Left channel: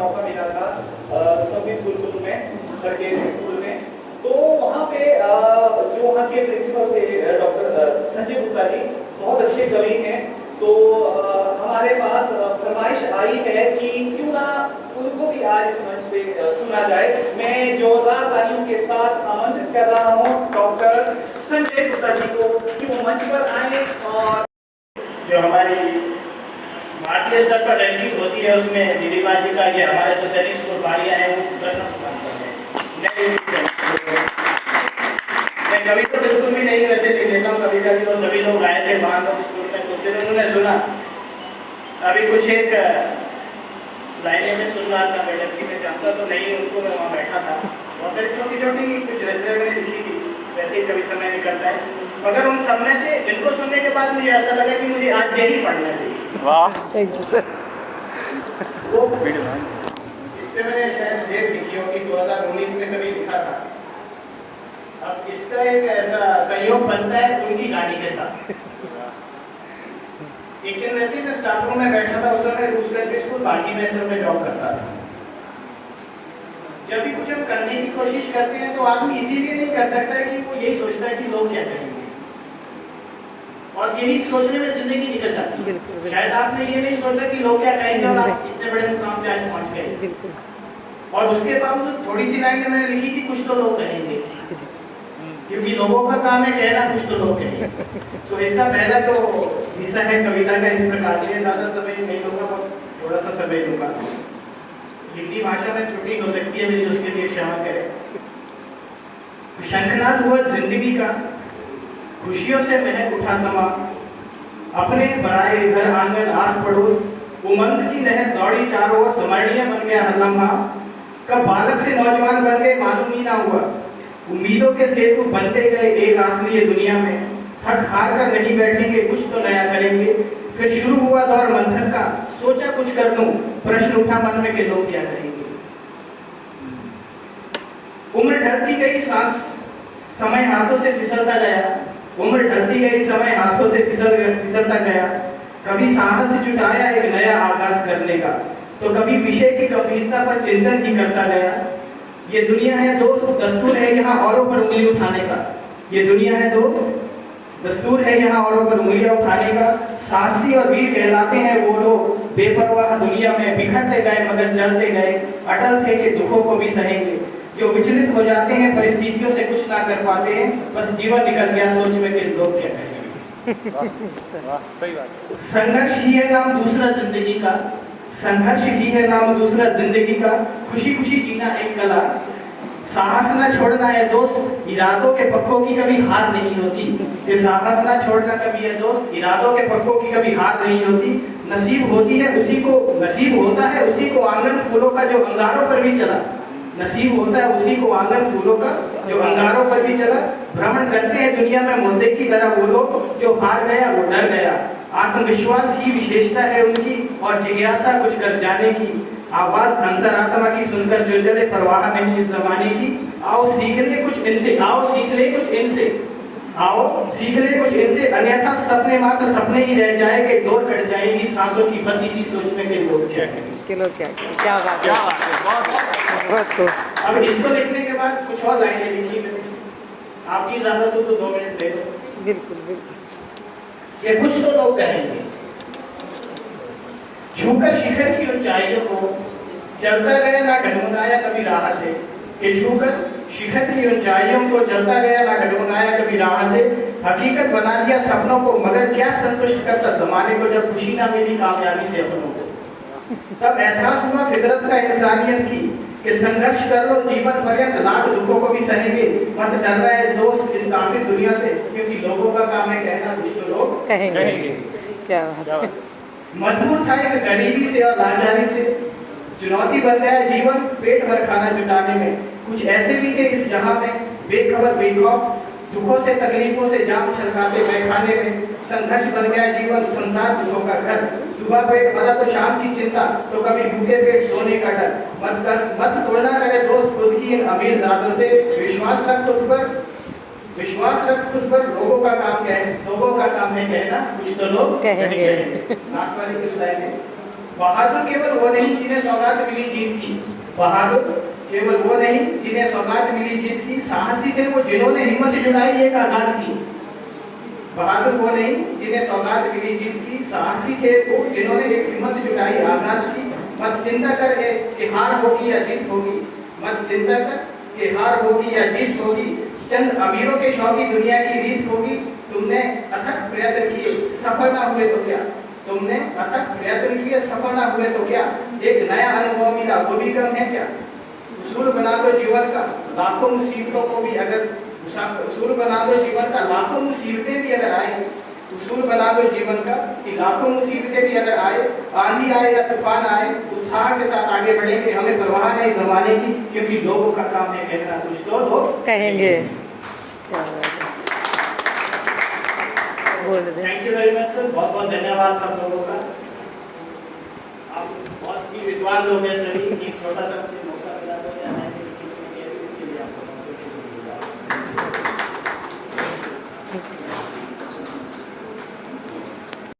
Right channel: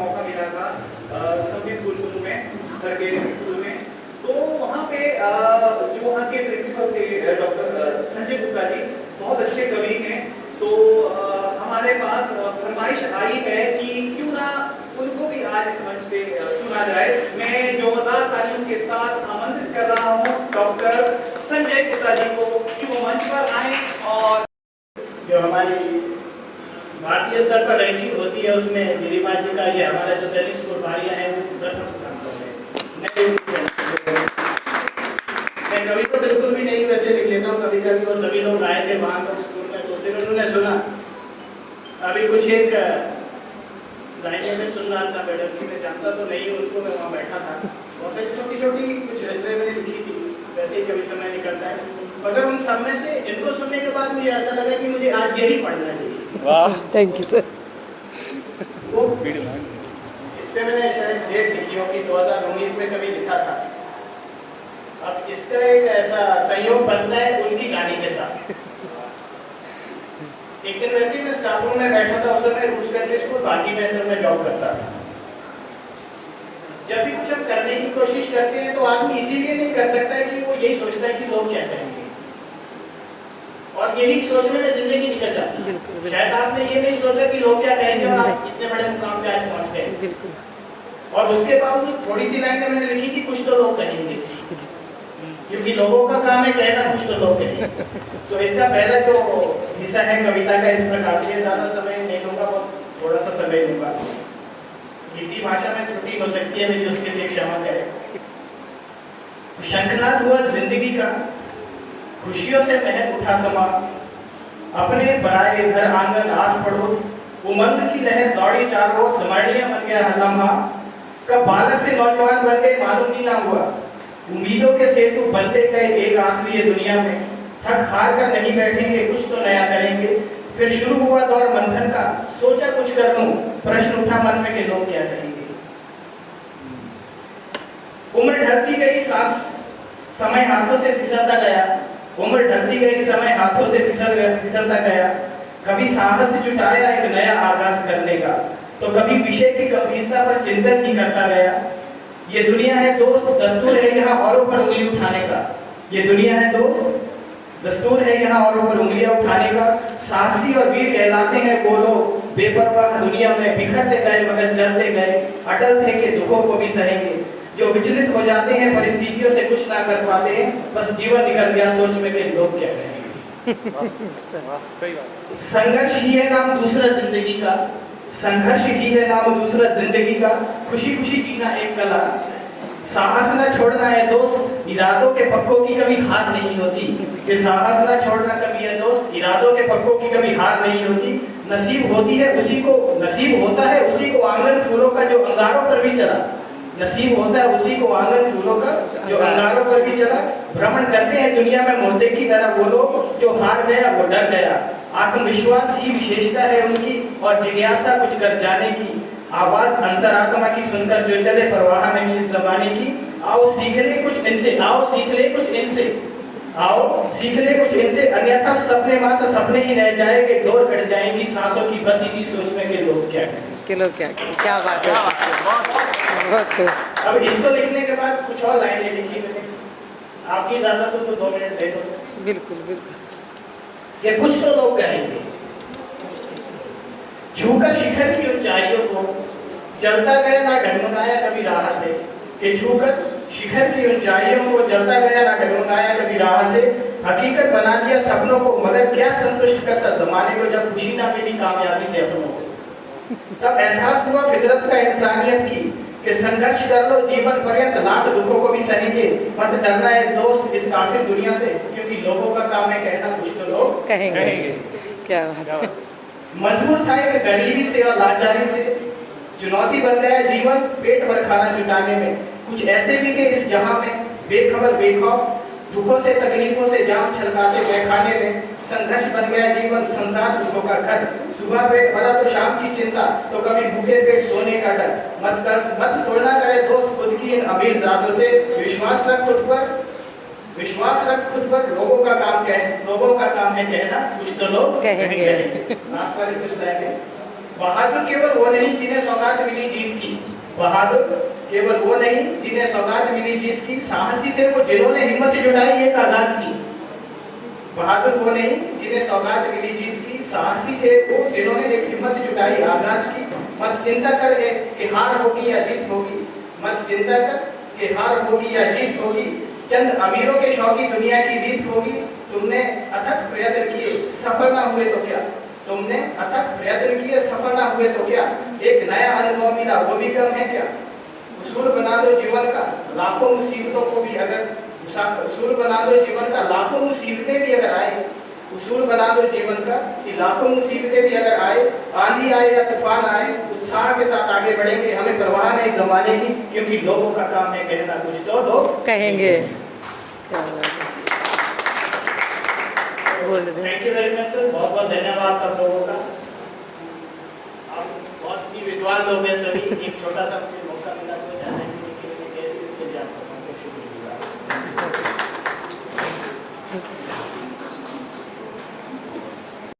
मौका मिला था संगीत गुरुकुल में, सरकारी स्कूल में। तो वहाँ पे जो वहाँ के प्रिंसिपल थे डॉक्टर संजय गुप्ता जी, बहुत अच्छे कवि हैं। तो हमारे पास फरमाइश आई है कि क्यों ना उनको भी आज इस मंच पे सुना जाए। मैं जोरदार तालियों के साथ आमंत्रित कर रहा हूँ डॉक्टर संजय गुप्ता जी को कि वो मंच पर आए और जो हमारी भारतीय स्तर पर रैंकिंग होती है उसमें गिरिबाजी का ये हमारे जो सैनिक स्कूल भाइयाँ हैं वो प्रथम स्थान पर है। मैं कवि को बिल्कुल भी नहीं वैसे लिख लेता हूँ, कभी कभी वो सभी लोग आए थे वहाँ पर स्कूल में, कुछ दिन उन्होंने सुना, अभी कुछ एक लाइनें में सुन रहा था मैडम की, मैं जानता तो नहीं उनको, मैं वहाँ बैठा था और फिर छोटी छोटी कुछ रचनाएं मैंने लिखी थी, वैसे ही कभी समय निकलता है। मगर उन सब में से इनको सुनने के बाद मुझे ऐसा लगा कि मुझे आज यही पढ़ना चाहिए। वाह, थैंक यू सर। वो इस पे मैंने शायद डेट लिखी होगी 2019 में कभी लिखा था। अब इसका एक ऐसा संयोग बनता है उनकी गाड़ी के साथ। एक दिन वैसे ही मैं स्टाफ रूम में बैठा था, उस समय रूस कंट्री स्कूल बाकी में मैं जॉब करता था। जब भी कुछ हम करने की कोशिश करते हैं तो आदमी इसीलिए नहीं कर सकता है कि वो यही सोचता है कि लोग क्या कहेंगे, और यही सोचने में जिंदगी निकल जाती है। शायद आपने ये नहीं सोचा कि लोग क्या कहेंगे और आप इतने बड़े मुकाम पे आज पहुंच गए। और उसके बावजूद थोड़ी सी लाइन में मैंने लिखी कि कुछ तो लोग कहेंगे, क्योंकि लोगों का काम है कहना, कुछ तो लोग कहेंगे। तो इसका पहला जो हिस्सा है कविता का इस प्रकार से, ज्यादा समय नहीं लूंगा, बहुत थोड़ा सा समय लूंगा। हिंदी भाषा में त्रुटि हो सकती है मेरी, उसके लिए क्षमा करें। शंखनाद हुआ जिंदगी का, खुशियों से महक उठा समा, अपने पराए घर आंगन आस पड़ोस, उमंग की लहर दौड़ी चारों ओर, स्मरणीय बन गया हर लम्हा, कब बालक से नौजवान बन गए मालूम ही ना हुआ, उम्मीदों के सेतु बनते गए एक आसमानी दुनिया में, थक हार कर नहीं बैठेंगे, कुछ तो नया करेंगे। फिर शुरू हुआ दौर मंथन का, सोचा कुछ कर दूं, प्रश्न उठा मन में कि लोग क्या कहेंगे। उम्र ढलती गई, सांस समय हाथों से फिसलता गया, उम्र ढलती गई, समय हाथों से फिसलता गया, कभी साहस जुटाया एक नया आगाज करने का, तो कभी विषय की गंभीरता पर चिंतन ही करता गया। ये दुनिया है दोस्त, दस्तूर है यहाँ औरों पर उंगली उठाने का, ये दुनिया है दोस्त, दस्तूर है यहाँ औरों पर उंगलियां उठाने का। साहसी और वीर कहलाते हैं वो लोग, बेपरवाह दुनिया में बिखरते गए मगर चलते गए, अटल थे कि दुखों को भी सहेंगे, जो विचलित हो जाते हैं परिस्थितियों से कुछ ना कर पाते हैं, बस जीवन निकल गया सोच में कि लोग क्या कहेंगे। सही बात। संघर्ष ही है नाम दूसरा जिंदगी का, संघर्ष ही है नाम दूसरा जिंदगी का, खुशी खुशी जीना एक कला, साहस न छोड़ना है दोस्त, इरादों के पक्कों की कभी हार नहीं होती। ये साहस न छोड़ना कभी है दोस्त, इरादों के पक्कों की कभी हार नहीं होती। नसीब होती है उसी को, नसीब होता है उसी को आंगन फूलों का जो अंगारों पर भी चला, नसीब होता है उसी को आंगन फूलों का जो अंगारों पर भी चला। भ्रमण करते हैं दुनिया में मुर्दे की तरह वो लोग, जो हार गया वो डर गया, आत्मविश्वास ही विशेषता है उनकी और जिज्ञासा कुछ कर जाने की, आवाज अंतरात्मा की सुनकर जो चले परवाह नहीं इस जमाने की। आओ सीख ले कुछ इनसे, आओ सीख ले कुछ इनसे, आओ सीख ले कुछ इनसे, अन्यथा सपने मात्र सपने ही रह जाएंगे, डोर कट जाएंगी सांसों की बस इसी सोचने के लोग क्या क्या बात है, बहुत खूब। अब इसको लिखने के बाद कुछ और लाइनें लिखी मैंने, आपकी इजाजत हो तो 2 मिनट दे दो। बिल्कुल बिल्कुल। ये कुछ तो लोग कहेंगे, छूकर शिखर की ऊंचाइयों को चलता गया ना डगमगाया कभी राह से, कि छूकर शिखर की ऊंचाइयों को चलता गया ना डगमगाया कभी राह से, हकीकत बना दिया सपनों को मगर क्या संतुष्ट करता जमाने को, जब खुशी ना मिली कामयाबी से अपनों को। तब एहसास हुआ फितरत का इंसानियत की, कि संघर्ष कर लो जीवन पर्यंत, लाख दुखों को भी सहेंगे, मत डरना है दोस्त इस काफिर दुनिया से, क्योंकि लोगों का काम है कहना, कुछ तो लोग कहेंगे। क्या बात है। मजबूर था एक गरीबी से और लाचारी से, चुनौती बन गया जीवन पेट भर खाना जुटाने में, कुछ ऐसे भी थे इस जहां में बेखबर बेखौफ, दुखों से तकलीफों से जाम छलकाते महखाने में, संघर्ष बन गया जीवन संसार दुखों का घर, सुबह पेट भरा तो शाम की चिंता, तो कभी भूखे पेट सोने का डर, मत तोड़ना करे दोस्त खुद की इन अमीर जादों से, विश्वास रख खुद पर, विश्वास रख खुद पर, लोगों का काम क्या है, लोगों का काम है कहना, कुछ तो लोग कहेंगे। लास्ट वाली कुछ लाइनें बहादुर केवल वो नहीं जिन्हें सौगात मिली जीत की, बहादुर केवल वो नहीं जिन्हें सौगात मिली जीत की, साहसी थे वो जिन्होंने हिम्मत जुटाई एक आगाज की। बहादुर वो नहीं जिन्हें सौगात मिली जीत की, साहसी थे वो जिन्होंने एक हिम्मत जुटाई आगाज की। मत चिंता कर कि हार होगी या जीत होगी, मत चिंता कर कि हार होगी या जीत होगी, चंद अमीरों के शौकी दुनिया की रीत होगी। तुमने अथक प्रयत्न किए सफल ना हुए तो क्या, तुमने अथक प्रयत्न किए सफल ना हुए तो क्या, एक नया अनुभव मिला वो भी कम है क्या। उसूल बना दो जीवन का लाखों मुसीबतों को भी अगर, उसूल बना दो जीवन का लाखों मुसीबतें भी अगर आए, उसूल बना दो जीवन का कि लाखों मुसीबतें भी अगर आए, आंधी आए या तूफान आए, उत्साह के साथ आगे बढ़ेंगे, हमें परवाह नहीं जमाने की, क्योंकि लोगों का काम है कहना कुछ तो लोग कहेंगे। क्या बात है, बोल दे। Thank you very much sir, बहुत बहुत धन्यवाद सब लोगों का। आप बहुत ही विद्वान लोग हैं सभी, एक छोटा सा मौका मिला तो जाना है इसके लिए आपको बहुत बहुत शुक्रिया। Thank you sir.